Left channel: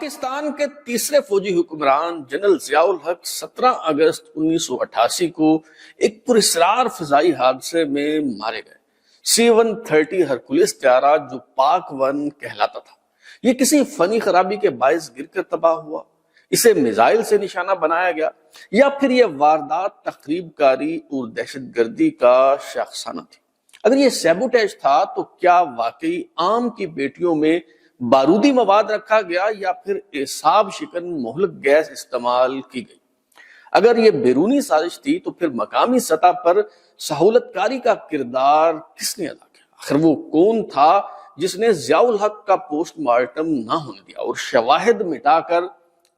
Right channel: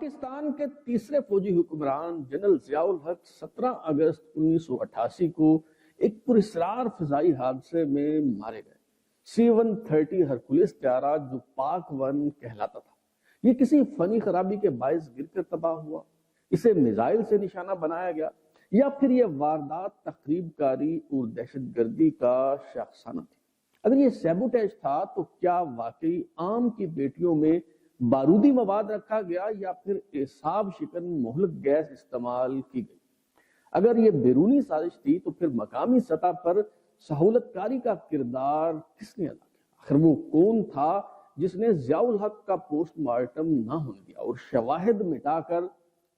پاکستان کے تیسرے فوجی حکمران جنرل ضیاء الحق 17 اگست 1988 کو ایک پراسرار فضائی حادثے میں مارے گئے۔ C-130 ہرکولس طیارہ جو پاک 1 کہلاتا تھا، یہ کسی فنی خرابی کے باعث گر کر تباہ ہوا، اسے میزائل سے نشانہ بنایا گیا، یا پھر یہ واردات تخریب کاری اور دہشت گردی کا شاخسانہ تھی؟ اگر یہ سیبوٹیج تھا تو کیا واقعی عام کی بیٹیوں میں بارودی مواد رکھا گیا یا پھر اعصاب شکن مہلک گیس استعمال کی گئی؟ اگر یہ بیرونی سازش تھی تو پھر مقامی سطح پر سہولت کاری کا کردار کس نے ادا کیا؟ آخر وہ کون تھا جس نے ضیاء الحق کا پوسٹ مارٹم نہ ہونے دیا اور شواہد مٹا کر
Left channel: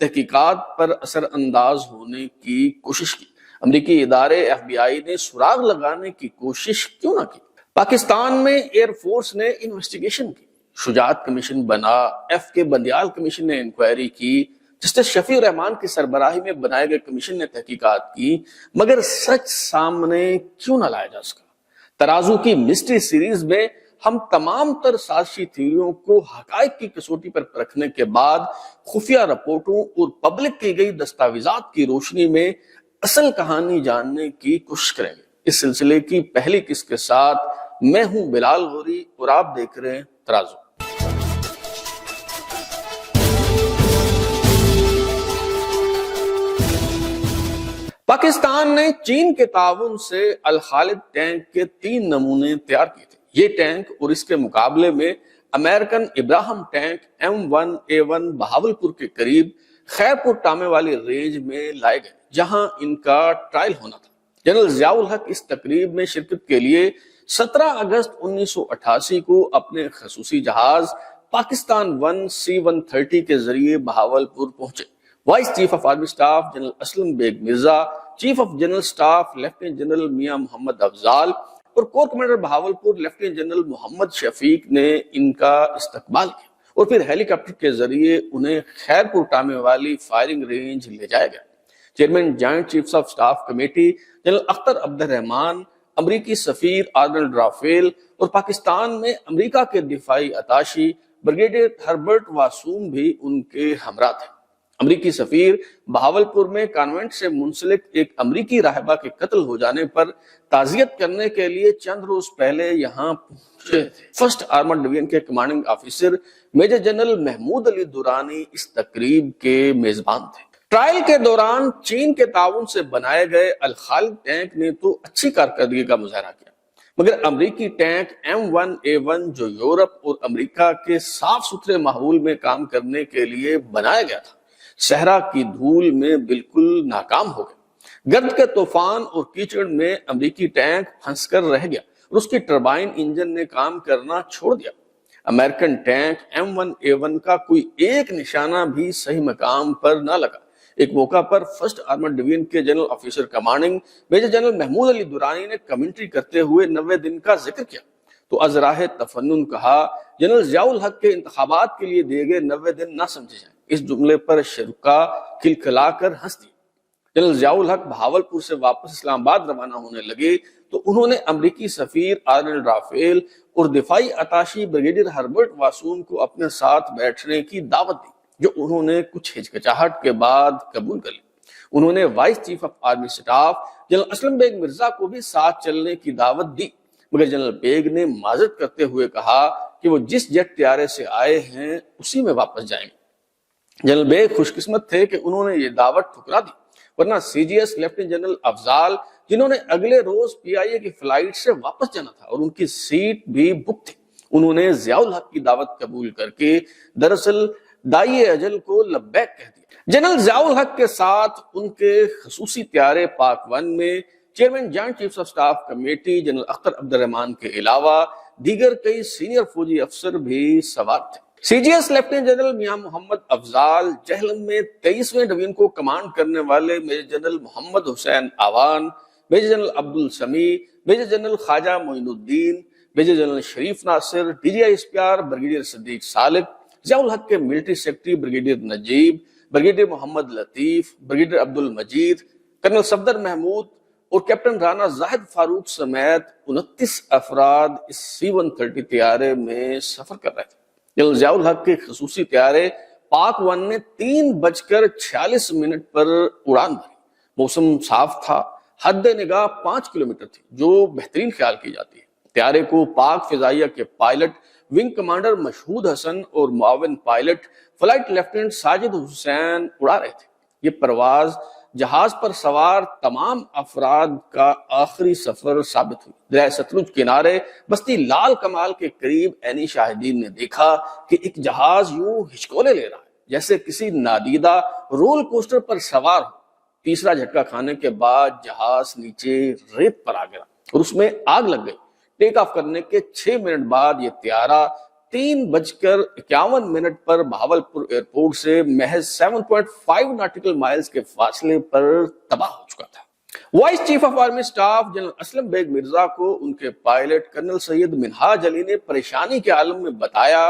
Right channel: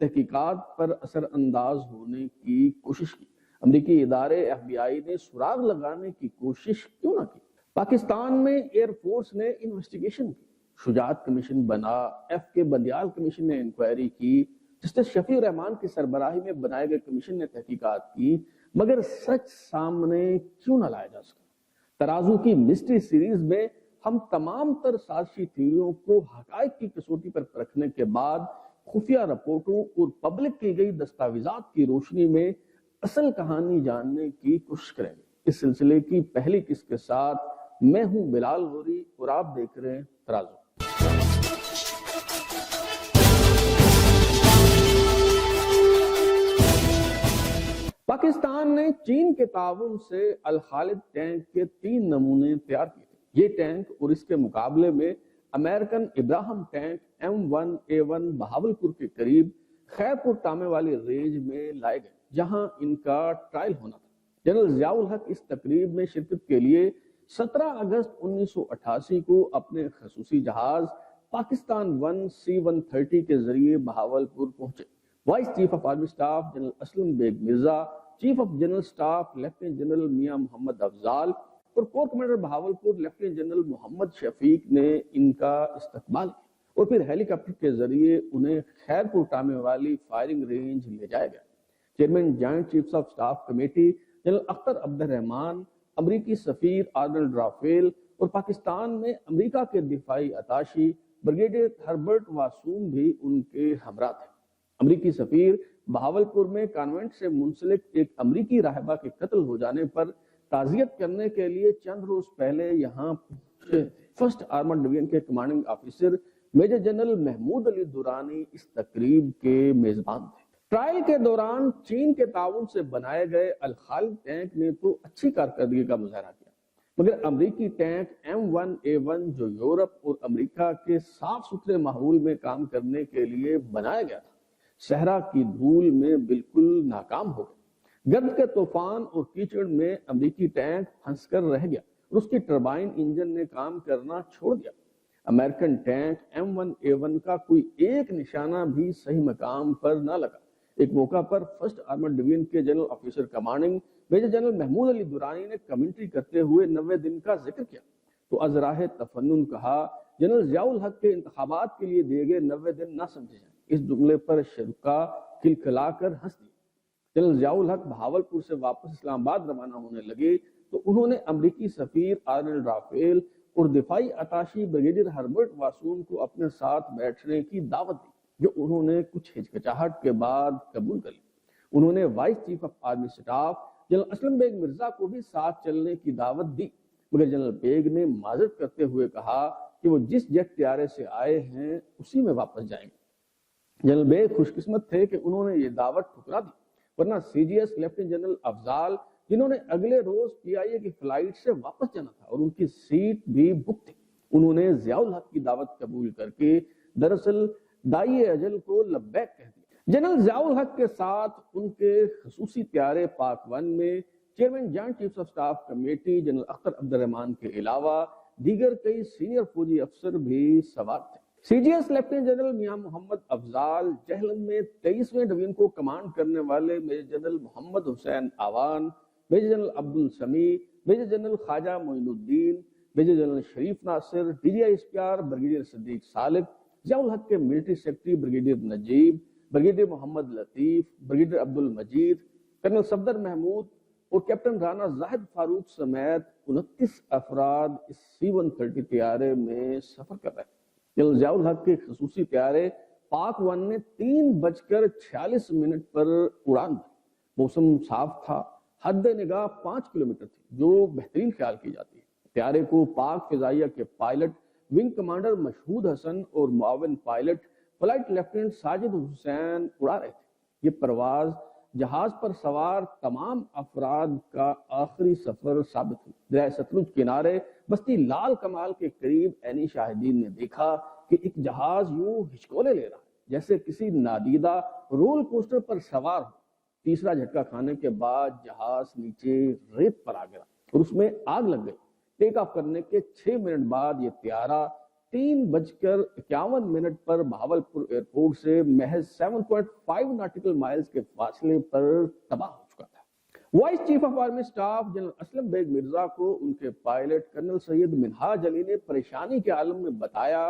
تحقیقات پر اثر انداز ہونے کی کوشش کی؟ امریکی ادارے FBI نے سراغ لگانے کی کوشش کیوں نہ کی؟ پاکستان میں ایئر فورس نے انویسٹیگیشن کی، شجاعت کمیشن بنا، FK بندیال کمیشن نے انکوائری کی، جسٹس شفیع الرحمان کی سربراہی میں بنائے گئے کمیشن نے تحقیقات کی، مگر سچ سامنے کیوں نہ لایا جا سکا؟ ترازو کی مسٹری سیریز میں ہم تمام تر سازشی تھیوریوں کو حقائق کی کسوٹی پر پرکھنے کے بعد خفیہ رپورٹوں اور پبلک کی گئی دستاویزات کی روشنی میں اصل کہانی جاننے کی کوشش کریں گے۔ اس سلسلے کی پہلی قسط کے ساتھ میں ہوں بلال غوری اور آپ دیکھ رہے ہیں ترازو۔ پاکستان نے چین کے تعاون سے الخالد ٹینک کے 3 نمونے تیار کیے تھے۔ یہ ٹینک اور اس کے مقابلے میں American Abraham tank M1A1 Bahawalpur کے قریب خیرپور ٹامے والی رینج میں لائے گئے، جہاں ان کا ٹرائل ہونا تھا۔ جنرل ضیاء الحق اس تقریب میں شرکت کے لیے 17 اگست 1988 کو اپنے خصوصی جہاز پاکستان 1 C-130 کے ذریعے بہاولپور پہنچے۔ Vice chief of army staff general Aslam Beg Mirza, chief of general staff lieutenant general Mian Muhammad Afzal اور corps commander Bahawalpur lieutenant general Muhammad Shafiq نے ان کا استقبال کیا اور پھر ہیلی کاپٹر کے ذریعے انہیں خیرپور ٹامے والی فائرنگ رینج لے جایا گیا۔ Chairman joint chiefs of staff committee general Akhtar عبد الرحمان، امریکی سفیر آرنلڈ رافیل اور پاکستان میں امریکہ کے دفاعی اتاشی بریگیڈیئر ہربرٹ واسوم بھی ان کے ہمراہ تھے۔ امریکی سفیر بہاولپور میں کانوینٹ سے منسلک ایک امریکی راہبہ کے قتل ہو جانے پر تعزیت کرنے کے لیے چند روز پہلے یہاں پہنچے تھے۔ فرسٹ آرمرڈ ڈویژن کے commanding officer major general Mahmood Ali Durrani اس تقریب کے میزبان تھے۔ ٹرائل کے دوران چین کے تعاون سے بنائے گئے الخالد ٹینک نے تو اچھی کارکردگی کا مظاہرہ کیا، مگر امریکی ٹینک M1A1 جو یورپ اور امریکہ کے صاف ستھرے ماحول میں کام کرنے کے لیے بنایا گیا تھا، صحرا کی دھول میں بالکل ناکام ہو گیا۔ گرد کے طوفان اور کیچڑ میں امریکی ٹینک پھنس کر رہ گیا اور اس کی ٹربائن انجن نے کام کرنا چھوڑ دیا۔ امریکن ٹینک M1A1 کا کوئی ایک نشانہ بھی صحیح مقام پر نہ لگا۔ ایک موقع پر فرسٹ آرمرڈ ڈویژن کے general officer commanding major general Mahmood Ali Durrani نے کمنٹری کرتے ہوئے 90 دن کا ذکر کیا تو از راہ تفنن کہا، جنرل ضیاء الحق کے انتخابات کے لیے دیے گئے 90 دن نہ سمجھے جائیں۔ اس جملے پر شرکا کھلکھلا کر ہنس دی۔ جنرل ضیاء الحق بہاولپور سے واپس اسلام آباد روانہ ہونے لگے تو انہوں نے امریکی سفیر آرنلڈ رافیل اور دفاعی اتاشی بریگیڈیئر ہربرٹ واسوم کو اپنے ساتھ بیٹھنے کی دعوت دی، جو انہوں نے کچھ ہچکچاہٹ کے بعد قبول کر لی۔ انہوں نے vice chief of army staff general Aslam Beg Mirza کو بھی ساتھ چلنے کی دعوت دی، مگر جنرل بیگ نے معذرت کرتے ہوئے کہا کہ وہ جس جیٹ طیارے سے آئے ہیں اسی میں واپس جائیں گے۔ جنرل بیگ خوش قسمت تھے کہ انہوں نے یہ دعوت ٹھکرا دی، ورنہ CGS لیفٹیننٹ جنرل افضال، جنہوں نے اگلے روز PIA کی فلائٹ سے واپس جانا تھا اور ان کی سیٹ بھی بک تھی، انہوں نے ضیاء الحق کی دعوت قبول کر کے دراصل دائی اجل کو لبیک کہہ دیا۔ جنرل ضیاء الحق کے ساتھ ان کے خصوصی طیارے پاک 1 میں chairman joint chiefs of staff committee general Akhtar عبد الرحمان کے علاوہ دیگر کئی سینئر فوجی افسر بھی سوار تھے۔ CGS lieutenant general Mian Muhammad Afzal, Jhelum میں 23ویں ڈویژن کو کمانڈ کرنے والے میجر جنرل محمد حسین آوان، میجر جنرل عبد السمیع، میجر جنرل خواجہ معین الدین، میجر جنرل شریف ناصر، DGI SPR بریگیڈیئر صدیق سالک، ضیاء الحق کے ملٹری سیکرٹری بریگیڈیئر نجیب، بریگیڈیئر محمد لطیف، بریگیڈیئر عبد المجید، کرنل صفدر محمود اور کیپٹن رانا زاہد فاروق سمیت 29 افراد اس C-130 طیارے میں سفر کر رہے تھے۔ جنرل ضیاء الحق کے خصوصی طیارے پاک 1 نے 3:46 پر اڑان بھری۔ موسم صاف تھا، حد نگاہ 5 کلومیٹر تھی، جو بہترین خیال کی جاتی ہے۔ طیارے کو پاک فضائیہ کے پائلٹ ونگ کمانڈر مشہود حسن اور معاون پائلٹ فلائٹ لیفٹیننٹ ساجد حسین اڑا رہے تھے۔ یہ پرواز جہاز پر سوار تمام افراد کا آخری سفر ثابت ہوئی۔ دریائے ستلج کنارے بستی لال کمال کے قریب عینی شاہدین نے دیکھا کہ ایک جہاز یوں ہچکولے لے رہا ہے جیسے کسی نادیدہ رول کوسٹر پر سوار ہو۔ تیسرا جھٹکا کھانے کے بعد جہاز نیچے ریت پر آ گیا اور اس میں آگ لگ گئی۔ ٹیک آف کرنے کے 6 منٹ بعد یہ طیارہ 3:51 پر بہاولپور ایئرپورٹ سے محض 7.5 ناٹیکل مائلز کے فاصلے پر تباہ ہو چکا تھا۔ Vice chief of army staff general Aslam Beg Mirza کو ان کے پائلٹ کرنل سید منہاج علی نے پریشانی کے عالم میں بتایا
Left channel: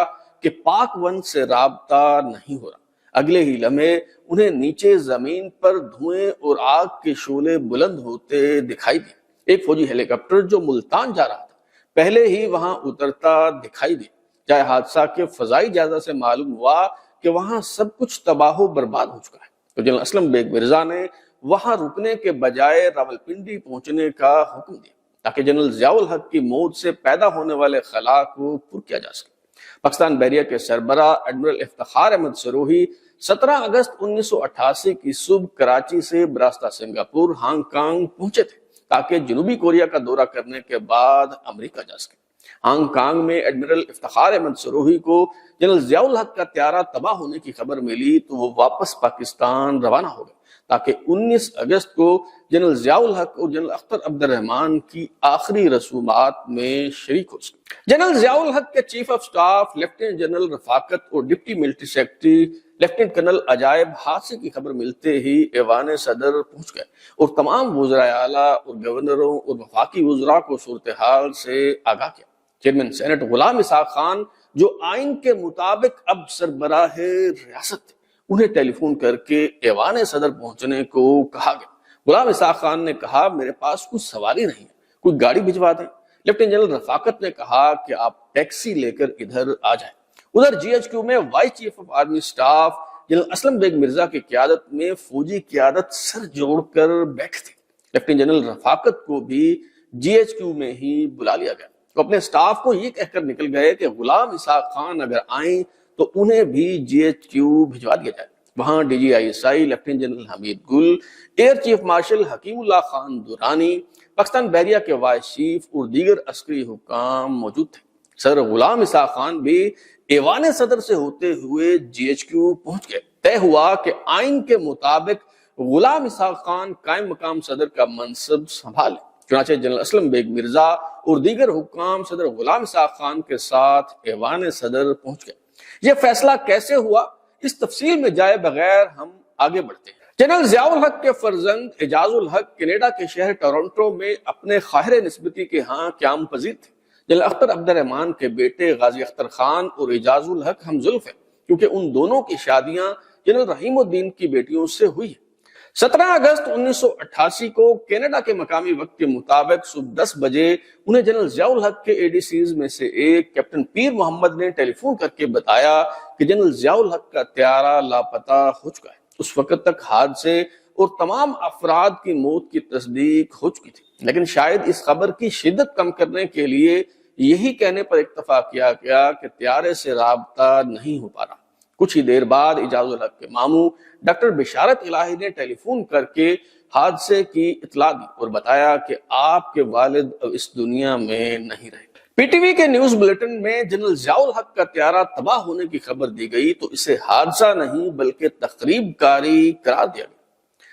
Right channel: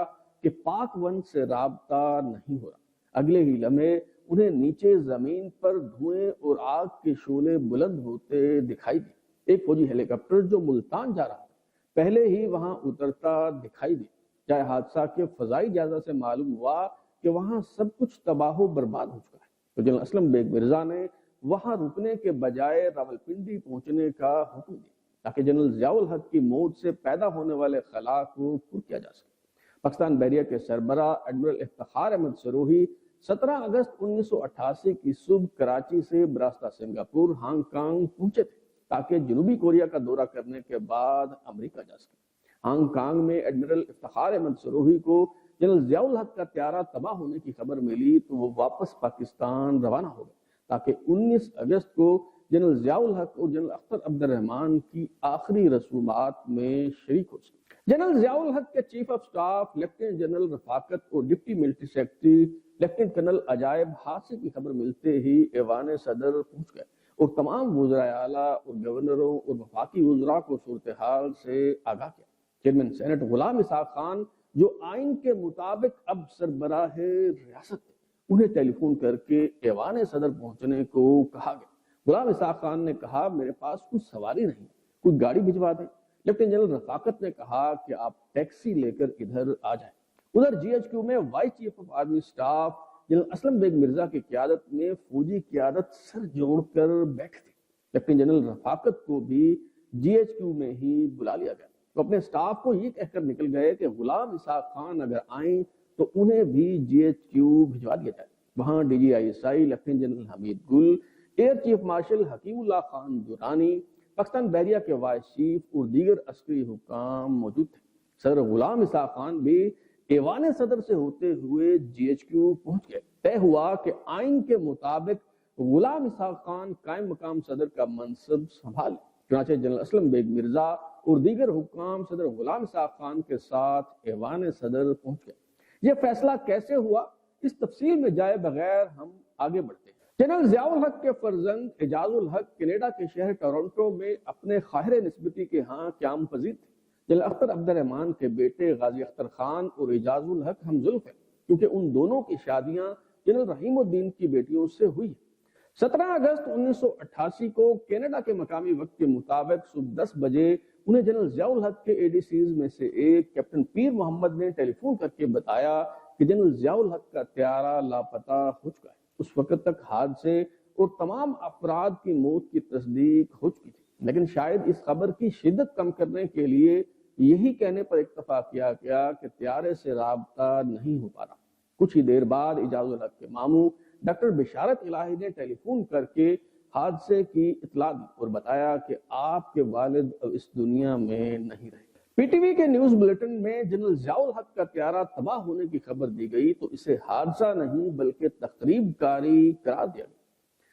کہ پاک 1 سے رابطہ نہیں ہو رہا۔ اگلے ہی لمحے انہیں نیچے زمین پر دھوئیں اور آگ کے شعلے بلند ہوتے دکھائی دیے۔ ایک فوجی ہیلی کاپٹر جو ملتان جا رہا تھا پہلے ہی وہاں اترتا دکھائی دیا۔ جائے حادثہ کے فضائی جائزہ سے معلوم ہوا کہ وہاں سب کچھ تباہ و برباد ہو چکا ہے، تو جنرل اسلم بیگ مرزا نے وہاں رکنے کے بجائے راولپنڈی پہنچنے کا حکم دیا تاکہ جنرل ضیاء الحق کی موت سے پیدا ہونے والے خلا کو پر کیا جا سکے۔ پاکستان بحریہ کے سربراہ ایڈمرل افتخار احمد سروہی 17 اگست 1988 کی صبح کراچی سے براستہ سنگاپور ہانگ کانگ پہنچے تھے تاکہ جنوبی کوریا کا دورہ کرنے کے بعد امریکہ جا سکے۔ ہانگ کانگ میں ایڈمرل افتخار احمد سروہی کو جنرل ضیاء الحق کا طیارہ تباہ ہونے کی خبر ملی تو وہ واپس پاکستان روانہ ہو گئے تاکہ 19 اگست کو جنرل ضیاء الحق اور جنرل اختر عبد الرحمان کی آخری رسومات میں شریک ہو سکے۔ جنرل ضیاء الحق کے chief of staff lieutenant general Rafaqat اور deputy military secretary lieutenant colonel Ajaib حادثے کی خبر ملتے ہی ایوان صدر پہنچ گئے اور تمام وزراء اعلیٰ اور گورنروں اور وفاقی وزراء کو صورتحال سے آگاہ کیا۔ چیئرمین سینٹ غلام اسحاق خان جو آئین کے مطابق اب سربراہ ریاست تھے، انہیں ٹیلی فون کر کے ایوان صدر پہنچنے کو کہا گیا۔ غلام اسحاق خان نے کہا میرے پاس کوئی سواری نہیں ہے، کوئی گاڑی بھجوا دیں۔ لیفٹیننٹ جنرل رفاقت نے کہا کہ آپ ٹیکسی لے کر ادھر آ جائیں۔ ادھر جی ایچ کیو میں vice chief of army staff general Aslam Beg Mirza کی قیادت میں فوجی قیادت سر جوڑ کر بیٹھے تھے۔ لیفٹیننٹ جنرل رفاقت کو بھی جی ایچ کیو میں ہی بلا لیا گیا۔ وہ اپنے سٹاف کو یہ کہہ کر نکل گئے کہ غلام اسحاق خان اگر آئیں تو انہیں بھی جی ایچ کیو بھجوا دیا جائے۔ وہاں D G I S I lieutenant general Hamid Gul, air chief marshal Hakimullah Khan دورانی، پاکستان بحریہ کے وائس چیف اور دیگر عسکری حکام موجود تھے۔ سر غلام اسحاق خان بھی ایوان صدر سے ہوتے ہوئے جی ایچ کیو پہنچ گئے۔ طے ہوا کہ آئین کے مطابق غلام اسحاق خان قائم مقام صدر کا منصب سنبھالے۔ چنانچہ جنرل اسلم بیگ مرزا اور دیگر حکام صدر غلام اسحاق خان کے ساتھ ایوان صدر پہنچ گئے۔ یہ فیصلہ کیسے ہوا، اس تفصیل میں جائے بغیر ہم آگے بڑھتے ہیں۔ جنرل ضیاء الحق کے فرزند اعجاز الحق کینیڈا کے شہر ٹورنٹو میں اپنے خواہر نسبتی کے ہاں قیام پذیر تھے۔ جنرل اختر عبد الرحمان کے بیٹے غازی اختر خان اور اعجاز الحق ہم زلف ہیں کیونکہ ان دونوں کی شادیاں جنرل رحیم الدین کی بیٹیوں سے ہوئی ہیں۔ 17 اگست 1988 کو کینیڈا کے مقامی وقت کے مطابق صبح 10 بجے انہیں جنرل ضیاء الحق کے اے ڈی سیز میں سے ایک کیپٹن پیر محمد نے ٹیلی فون کر کے بتایا کہ جنرل ضیاء الحق کا طیارہ لاپتہ ہو چکا ہے۔ اس وقت تک حادثے اور تمام افراد کی موت کی تصدیق ہو چکی تھی، لیکن شاید اس خبر کی شدت کم کرنے کے لیے یہی کہنے پر اکتفا کیا گیا کہ طیارے سے رابطہ نہیں ہو پا رہا۔ کچھ ہی دیر بعد اعجاز الحق کے ماموں ڈاکٹر بشارت الہی نے ٹیلی فون کر کے حادثے کی اطلاع دی اور بتایا کہ آپ کے والد اب اس دنیا میں نہیں رہے۔ پی ٹی وی کے نیوز بلیٹن میں جنرل ضیاء الحق کا طیارہ تباہ ہونے کی خبر دی گئی تو اسے حادثہ نہیں بلکہ تخریب کاری قرار دیا گیا۔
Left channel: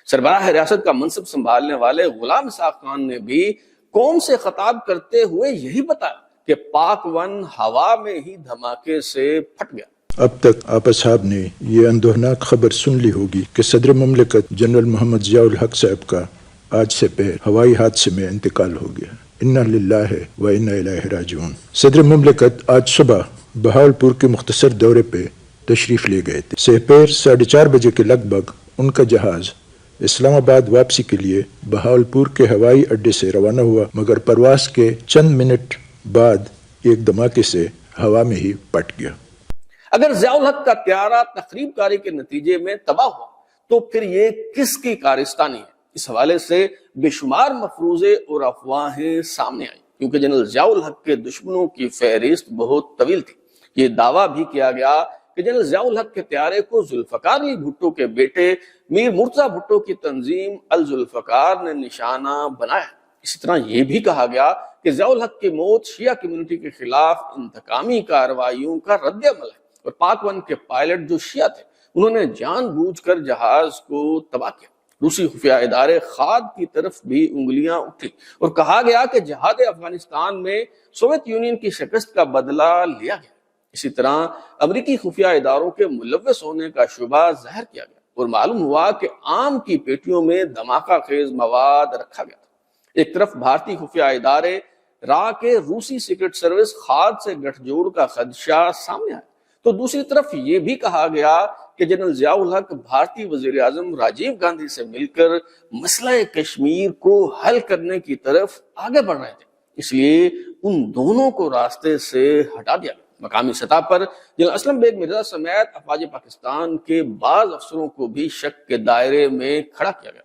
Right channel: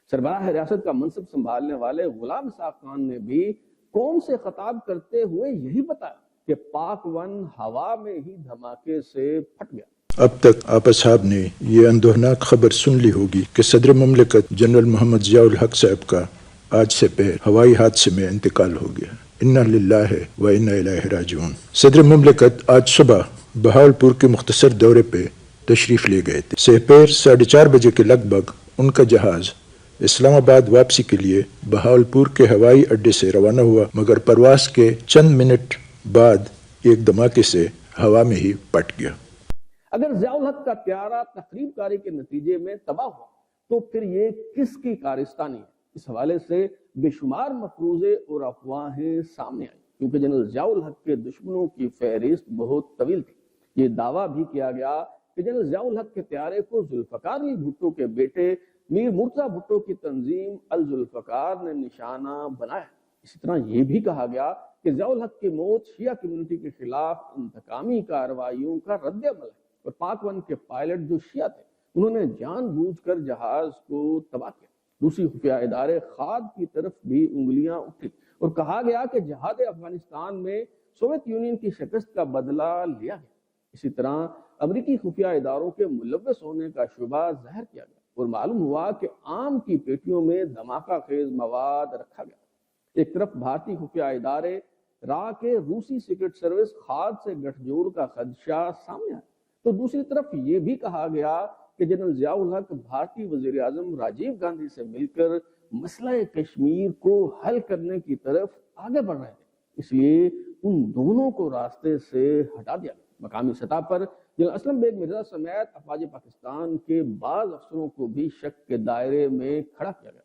سربراہ ریاست کا منصب سنبھالنے والے غلام اسحاق خان نے بھی قوم سے خطاب کرتے ہوئے یہی بتایا کہ پاک 1 ہوا میں ہی دھماکے سے پھٹ گیا۔ اب تک آپ اصحاب نے یہ اندوہناک خبر سن لی ہوگی کہ صدر مملکت جنرل محمد ضیاء الحق صاحب کا آج سے پہر ہوائی حادثے میں انتقال ہو گیا۔ انا للہ و انا الیہ راجعون۔ صدر مملکت آج صبح بہاولپور کے مختصر دورے پہ تشریف لے گئے تھے۔ سپہر 4:30 بجے کے لگ بھگ ان کا جہاز اسلام آباد واپسی کے لیے بہاولپور کے ہوائی اڈے سے روانہ ہوا، مگر پرواز کے چند منٹ بعد ایک دھماکے سے ہوا میں ہی پٹ گیا۔ اگر ضیاء الحق کا طیارہ تخریب کاری کے نتیجے میں تباہ ہوا تو پھر یہ کس کی کارستانی ہے؟ اس حوالے سے بے شمار مفروضے اور افواہیں سامنے آئیں، کیونکہ جنرل ضیاء الحق کے دشمنوں کی فہرست بہت طویل تھی۔ یہ دعویٰ بھی کیا گیا کہ جنرل ضیاء الحق کے طیارے کو ذوالفقار علی بھٹو کے بیٹے میر مرتضیٰ بھٹو کی تنظیم الذوالفقار نے نشانہ بنایا۔ اسی طرح یہ بھی کہا گیا کہ ضیاء الحق کی موت شیعہ کمیونٹی کے خلاف انتقامی کارروائیوں کا رد عمل ہے، اور پاک ون کے پائلٹ جو شیعہ تھے انہوں نے جان بوجھ کر جہاز کو تباہ کیا۔ روسی خفیہ ادارے خاد کی طرف بھی انگلیاں اٹھی اور کہا گیا کہ جہاد افغانستان میں سوویت یونین کی شکست کا بدلہ لیا گیا۔ اسی طرح امریکی خفیہ اداروں کے ملوث ہونے کا شبہ ظاہر کیا گیا اور معلوم ہوا کہ عام کی پیٹیوں میں دھماکہ خیز مواد رکھا گیا تھا۔ ایک طرف بھارتی خفیہ ادارے را کے روسی سیکرٹ سروس خاد سے گٹھ جوڑ کا خدشہ سامنے آیا، تو دوسری طرف یہ بھی کہا گیا کہ جنرل ضیاء الحق بھارتی وزیر اعظم راجیو گاندھی سے مل کر مسئلہ کشمیر کو حل کرنے کی طرف آگے بڑھ رہے تھے، اس لیے ان دونوں کو راستے سے ہٹا دیا گیا۔ مقامی سطح پر جنرل اسلم بیگ مرزا سمیت افواج پاکستان کے بعض افسروں کو بھی شک کے دائرے میں کھڑا کیا گیا۔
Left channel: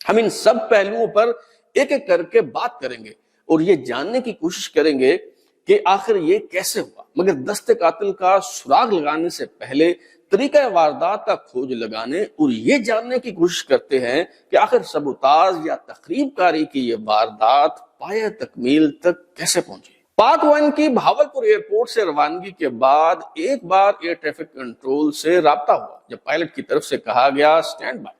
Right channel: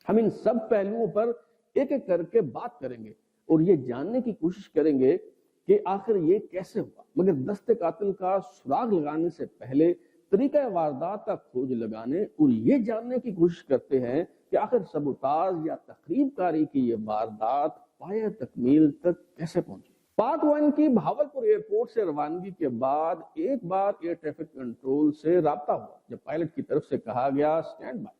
ہم ان سب پہلوؤں پر ایک ایک کر کے بات کریں گے اور یہ جاننے کی کوشش کریں گے کہ آخر یہ کیسے ہوا، مگر دست قاتل کا سراغ لگانے سے پہلے طریقہ واردات کا کھوج لگانے اور یہ جاننے کی کوشش کرتے ہیں کہ آخر سبوتاژ یا تخریب کاری کی یہ واردات پایہ تکمیل تک کیسے پہنچی۔ پاک ون کی بہاولپور ایئرپورٹ سے روانگی کے بعد ایک بار ایئر ٹریفک کنٹرول سے رابطہ ہوا، جب پائلٹ کی طرف سے کہا گیا stand by.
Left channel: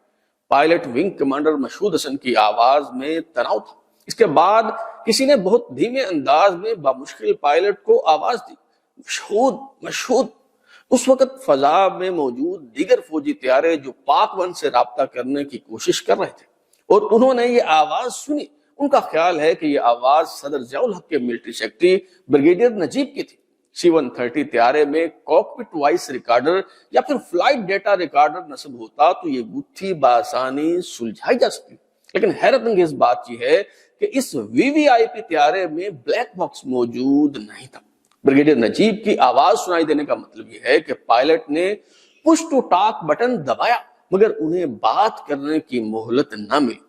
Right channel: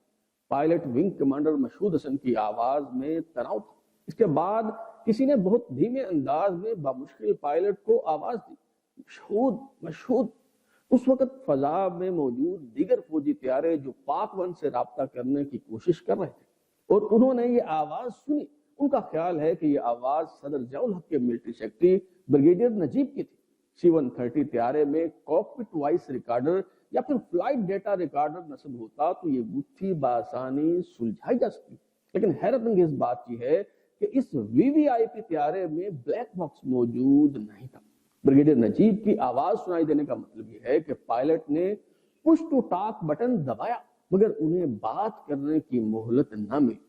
Pilot wing commander Mashhood Hasan کی آواز میں تناؤ تھا۔ اس کے بعد کسی نے بہت دھیمے انداز میں بامشکل پائلٹ کو آواز دی، مشہود مشہود۔ اس وقت فضا میں موجود دیگر فوجی طیارے جو پاک ون سے رابطہ کرنے کی کوشش کر رہے تھے اور انہوں نے یہ آواز سنی، ان کا خیال ہے کہ یہ آواز صدر ضیاء الحق کے ملٹری سیکرٹری بریگیڈیئر نجیب کی تھی۔ C-130 طیارے میں کاکپٹ وائس ریکارڈر یا پھر فلائٹ ڈیٹا ریکارڈر نصب ہوتا تو یہ گتھی بآسانی سلجھائی جا سکتی، لیکن حیرت انگیز بات یہ ہے کہ اس VVIP طیارے میں بلیک باکس موجود نہیں تھا۔ بریگیڈیئر نجیب کی آواز سنائی دینے کا مطلب یہ ہے کہ پائلٹ نے پش ٹو ٹاک بٹن دبایا مگر انہیں بات کرنے کی مہلت نہ ملی۔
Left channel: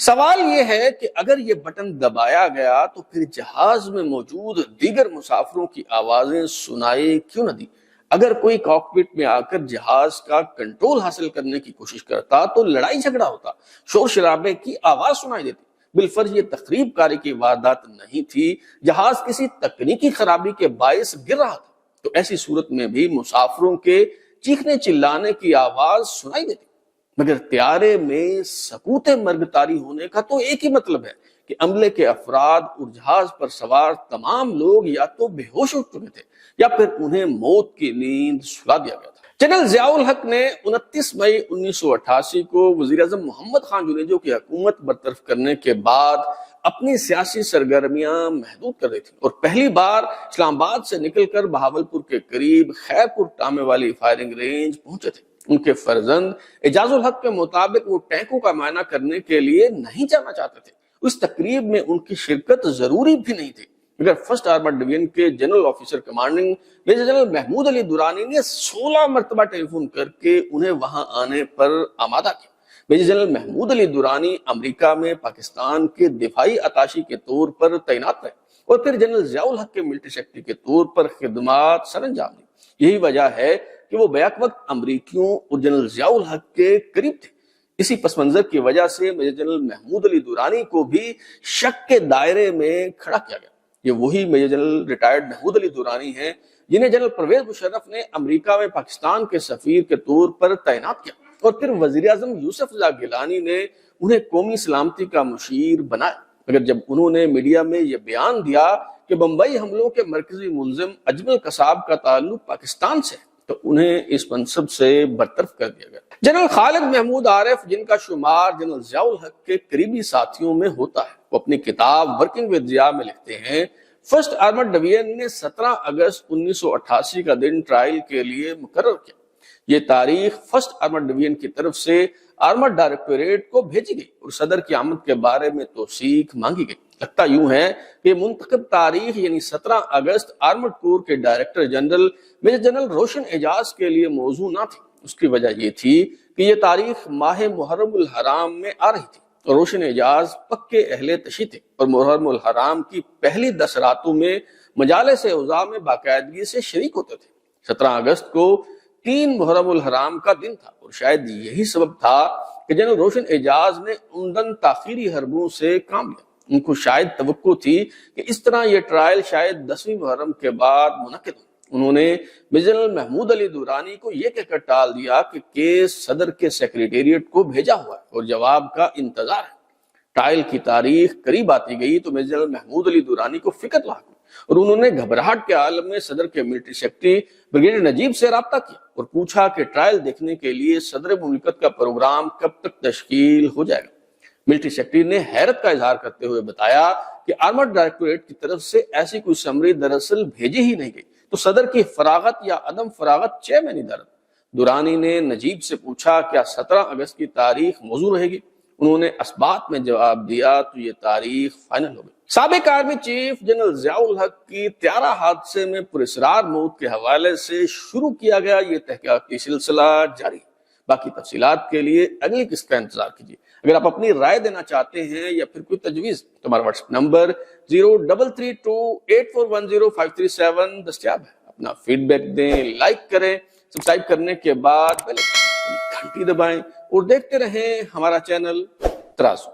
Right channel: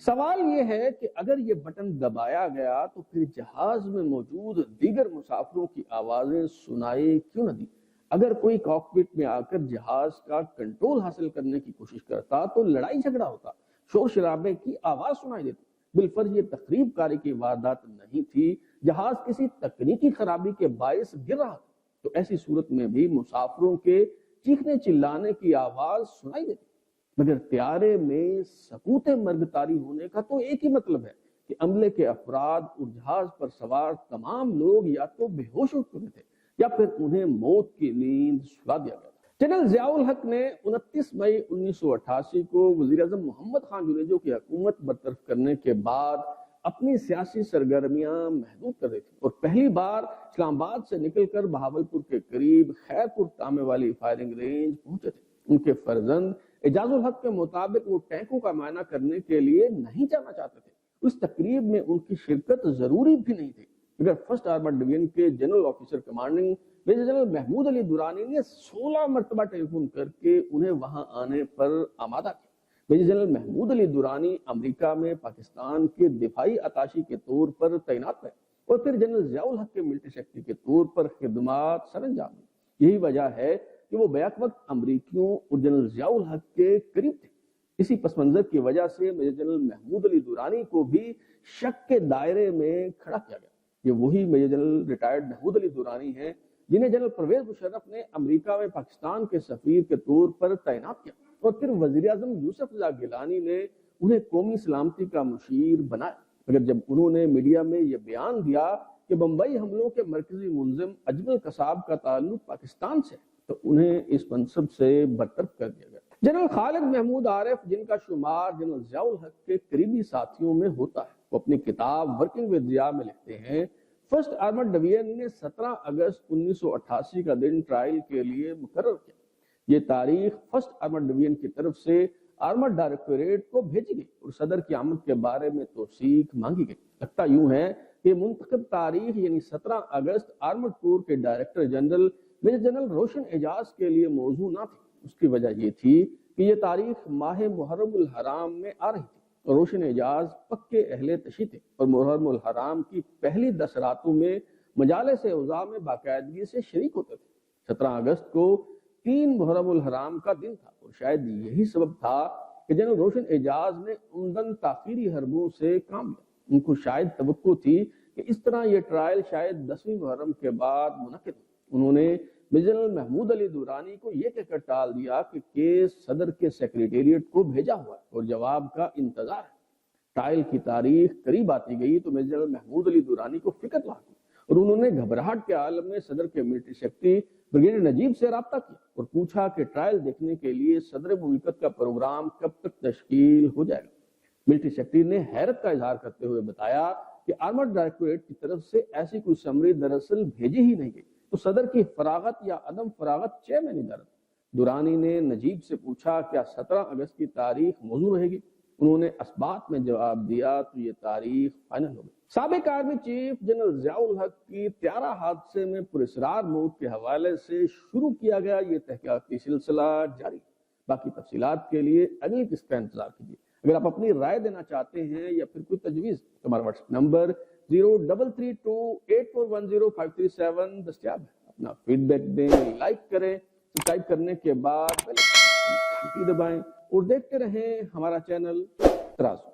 سوال یہ ہے کہ اگر یہ بٹن دبایا گیا تو پھر جہاز میں موجود دیگر مسافروں کی آوازیں سنائی کیوں نہ دی؟ اگر کوئی کاکپٹ میں آ کر جہاز کا کنٹرول حاصل کرنے کی کوشش کرتا تو لڑائی جھگڑا ہوتا، شور شرابے کی آواز سنائی دیتی۔ بالفرض یہ تخریب کاری کی واردات نہیں تھی، جہاز کسی تکنیکی خرابی کے باعث گر رہا تھا، تو ایسی صورت میں بھی مسافروں کے چیخنے چلانے کی آواز سنائی دیتی۔ مگر طیارے میں سکوت مرگ طاری ہونے کا تو ایک ہی مطلب ہے کہ عملے کے افراد اور جہاز پر سوار تمام لوگ یا تو بے ہوش ہو چکے تھے یا پھر انہیں موت کی نیند سلا دیا گیا تھا۔ جنرل ضیاء الحق نے 29 مئی 1988 کو وزیر اعظم محمد خان جنیجو کی حکومت برطرف کرنے کے بعد اپنی سیاسی سرگرمیاں محدود کر دی تھی اور پہلی بار اسلام آباد سے نکل کر بہاولپور کے قریب خیرپور ٹامے والی فائرنگ رینج پہنچے تھے۔ ان کے فرزند اعجاز الحق کے مطابق وہ ٹینکوں کا معائنہ کرنے کے لیے نہیں جانا چاہتے تھے۔ اس تقریب میں ان کی شرکت ضروری بھی نہیں تھی، مگر فرسٹ آرمرڈ ڈویژن کے general officer commanding major general Mahmood Ali Durrani نے 16 مرتبہ ٹیلی فون کر کے انہیں وہاں آنے پر آمادہ کیا۔ میجر جنرل محمود علی درانی امریکہ میں پاکستان کے دفاعی اتاشی کے طور پر تعینات رہے اور پھر جنرل ضیاء الحق کے ملٹری سیکرٹری کے طور پر خدمات سر انجام دی۔ یہی وجہ ہے کہ وہ بیک وقت امریکیوں اور جنرل ضیاء الحق کے قریب تھے۔ اسی پس منظر کی وجہ سے میجر جنرل محمود علی درانی کو بھی شک کے دائرے میں کھڑا کیا گیا۔ یہ وہی major general retired Mahmood Ali Durrani ہیں جنہیں جنرل پرویز مشرف نے امریکہ میں پاکستان کے سفیر کے طور پر تعینات کیا اور پھر وزیر اعظم یوسف رضا گیلانی نے انہیں قومی سلامتی کا مشیر بنایا، مگر جب انہوں نے میڈیا میں یہ بیان دیا کہ بمبئی حملوں کے مرکزی ملزم اجمل قصاب کا تعلق پاکستان سے تو انہیں اس منصب سے برطرف کر دیا گیا۔ جنرل خالد محمود عارف، جن کا شمار جنرل ضیاء الحق کے قریبی ساتھیوں میں ہوتا ہے، وہ اپنی کتاب ورکنگ ود ضیاء میں لکھتے ہیں فرسٹ آرمرڈ ڈویژن نے 17 اگست 1988 کا دن ٹرائل کے لیے مقرر کیا۔ یہ تاریخ فرسٹ آرمرڈ ڈویژن کی طرف سے آرمرڈ ڈائریکٹوریٹ کو بھیجی گئی اور صدر کی آمد کے بارے میں توثیق مانگی گئی۔ لگتا یوں ہے کہ منتخب تاریخ یعنی 17 اگست آرمرڈ کور کے ڈائریکٹر جنرل میجر جنرل روشن اعجاز کے لیے موزوں نہ تھی۔ اس کی وجہ یہ تھی کہ یہ تاریخ ماہ محرم الحرام میں آ رہی تھی اور روشن اعجاز پکے اہل تشیع تھے اور محرم الحرام کی پہلی 10 راتوں میں مجالس اوضاع میں باقاعدگی سے شریک ہوتے تھے۔ 17 اگست کو 3 محرم الحرام کا دن تھا اور شاید یہی سبب تھا کہ جنرل روشن اعجاز نے عمدن تاخیری حربوں سے کام لیا۔ ان کو شاید توقع تھی کہ اس طرح یہ ٹرائل شاید 10ویں محرم کے بعد منعقد ہو۔ انہوں نے میجر جنرل محمود علی درانی کو یہ کہہ کر ٹال دیا کہ کیس صدر کے سیکریٹریٹ کو بھیجا ہوا ہے اور جواب کا انتظار ہے۔ ٹرائل کی تاریخ قریب آتی گئی تو میجر جنرل محمود علی درانی کو فکر لاحق ہوئی اور انہوں نے گھبراہٹ کے عالم میں صدر کے ملٹری سیکرٹری بریگیڈیئر نجیب سے رابطہ کیا اور پوچھا کہ ٹرائل دیکھنے کے لیے صدر مملکت کا پروگرام کب تک تشکیل ہو جائے گا۔ ملٹری سیکرٹری نے حیرت کا اظہار کرتے ہوئے بتایا کہ آرمرڈ ڈائریکٹوریٹ کی طرف سے ایسی کوئی سمری دراصل بھیجی ہی نہیں گئی، تو صدر کی فراغت یا عدم فراغت چہ میں نہیں درد۔ درانی نے نجیب سے پوچھا کیا 17 اگست کی تاریخ موزوں رہے گی؟ انہوں نے اسبات میں جواب دیا تو یہ تاریخ فائنل ہو گئی۔ سابق آرمی چیف جنرل ضیاء الحق کی طیارہ حادثے میں پراسرار موت کے حوالے سے شروع کیا گیا یہ تحقیقاتی سلسلہ جاری ہے۔ باقی تفصیلات کے لیے اگلی قسط کا انتظار کیجیے۔ اگر آپ اپنی رائے دینا چاہتے ہیں یا پھر کوئی تجویز تو ہمارا واٹس ایپ نمبر 033284105337 دستیاب ہے۔ اپنا فیڈ بیک دیں، لائک کریں، سبسکرائب کرنے کے بعد بیل آئیکن گھنٹی دبائیں اور دیکھتے رہیں ہمارا چینل ترازو۔